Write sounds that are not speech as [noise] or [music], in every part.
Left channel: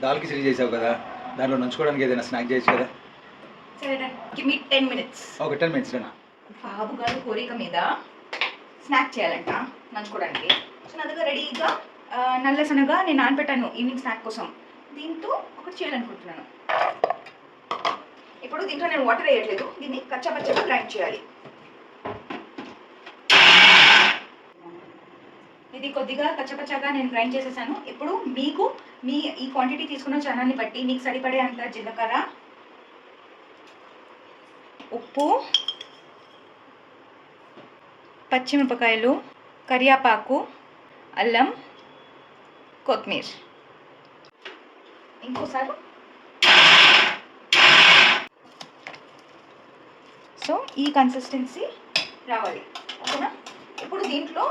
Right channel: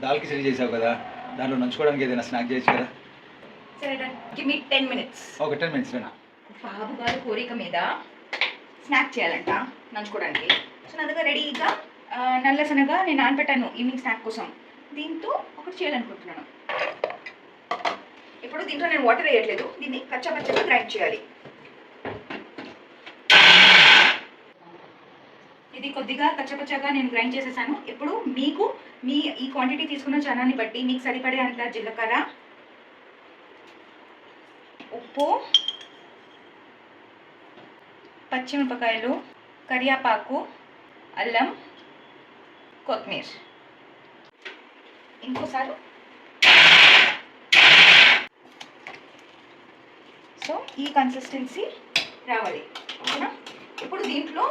దాల్ కిచడీ చేసావు కదా దాంట్లో నంచుకోవడానికి ఏదైనా స్నాక్ చేయొచ్చు కదా? సరే టెన్ మినిట్స్ ఒక టెన్ మినిట్స్ లేనా? బాబు గారు కోరిక మీద స్నాక్ చేయాలంట నంచుకోవడానికి. సో నా దగ్గర రెడీగా ఆ, నల్ల శనగ నేను నానబెట్టాను ఈవినింగ్ స్నాక్ కోసం. దీంతో ఒకటి చేయాలనుకుంటున్నాను. ఇప్పుడు దీంట్లో నేను వాటర్ వేయట్లేదు దీన్ని కచ్చా పచ్చగా గ్రైండ్ చేయాలి. ఇది కొద్దిగా కచ్చపచ్చగా నేను గ్రైండ్ చేసేసాను. ఇప్పుడు మీకు మీ ఈ క్వాంటిటీ తీసుకున్న చనాన్ని బట్టి మీకు సరిపడే అంత జీలకర్ర ఉప్పు పచ్చిమిరపకాయలు కరియాపాకు అల్లం కొత్తిమీర. ఇంకోసారి. సో ఈ కన్సిస్టెన్సీ రావాలి. ఓకేనా? ఇప్పుడు దీంట్లో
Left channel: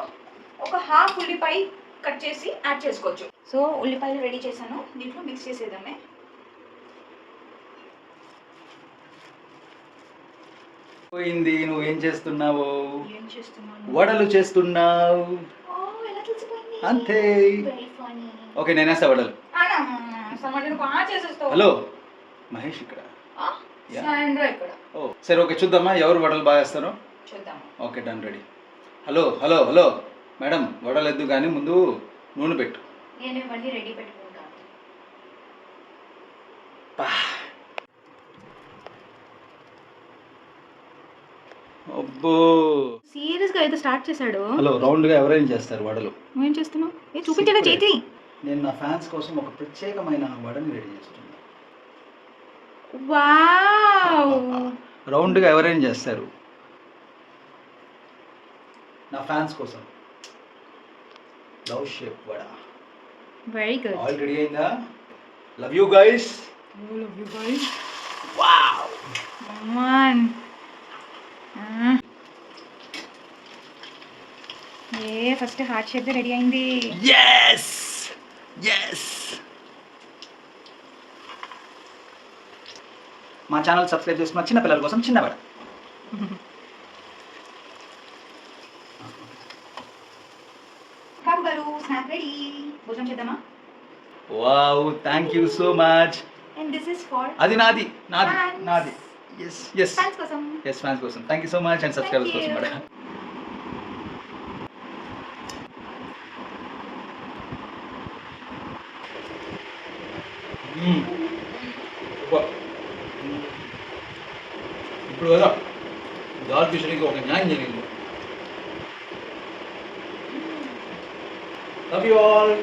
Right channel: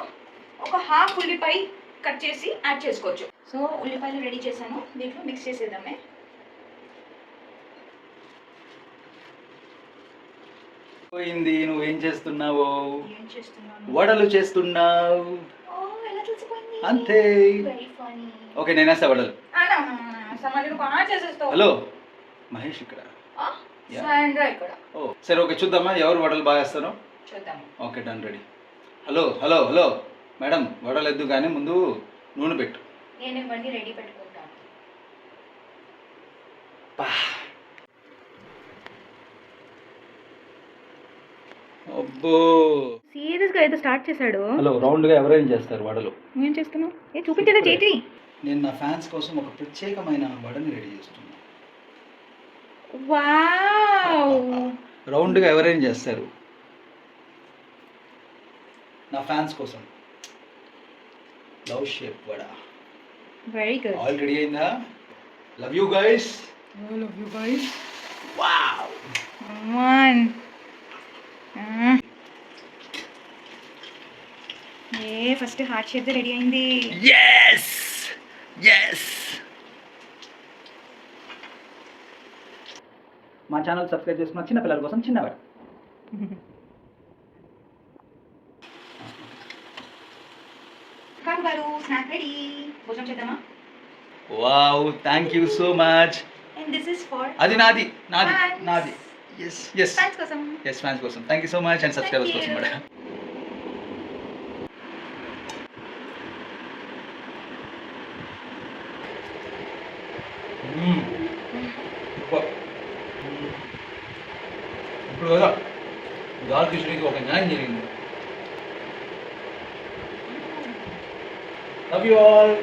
ఒక హాఫ్ ఉల్లిపాయ కట్ చేసి యాడ్ చేసుకోవచ్చు. సో ఉల్లిపాయలు రెడీ చేశాను. దీంట్లో మిక్స్ చేసేద్దామే. పోయింది నువ్వేం చేస్తున్నావు? ఏం చేస్తున్నాను? వడలు చేస్తున్నావు? అంతే. ఓకే నేనేస్తా వడలు. హలో మహేష్ ఇక్కడ. సరే ఓకే చూద్దామా? ఎవరు వడలు బాగా వేస్తారో? Okay done ready. Hello hello hello. Madam వడలు ఎద్దు కానీ ముందు నూనె పెట్టు. నేను ఇవన్నీ రెడీ పెట్టుకుంటాను అబ్బో. సీరియస్గా అయితే స్టార్ట్ చేశాడు. హలో రౌండ్గా ఎవరైనా చేస్తారు వడలు? నువ్వేం చేస్తున్నావు? ఏ చూపించడా Secret. చేతి నేను నా ఫ్యాన్స్ కోసం ఒక ప్రత్యేకమైన వడని రెడీ చేస్తున్నా. వావ్! రౌండ్గా ఎవరైనా చేస్తారు? నా ఫ్యాన్స్ కోసం. లవ్ షేప్ వడ. వెరీ గుడ్ ఆల్ రెడీ అయిందా? Love you guys love you guys wow one A first heart shape ready అయింది. Yes. Yes. మా ఛానల్ సబ్స్క్రైబ్ చేసుకున్న చిన్న పిల్లల కోసం చిన్న [laughs] బాబు గారు స్నాక్ రెడీ భోజనం చేద్దామా? Wow thank you so much and this is for అది నాది నాది. నాది. ఎస్ ఎస్ ఫ్యాన్స్ కోసం. ఎస్ ఫ్యాన్స్ కోసం. Thank you so much and subscribers కోసం. కూడా మ్మ్. ఎక్కువ. ఇప్పుడు కదా కిషోరికి ఒక న్యాయం జరిగింది. Love you all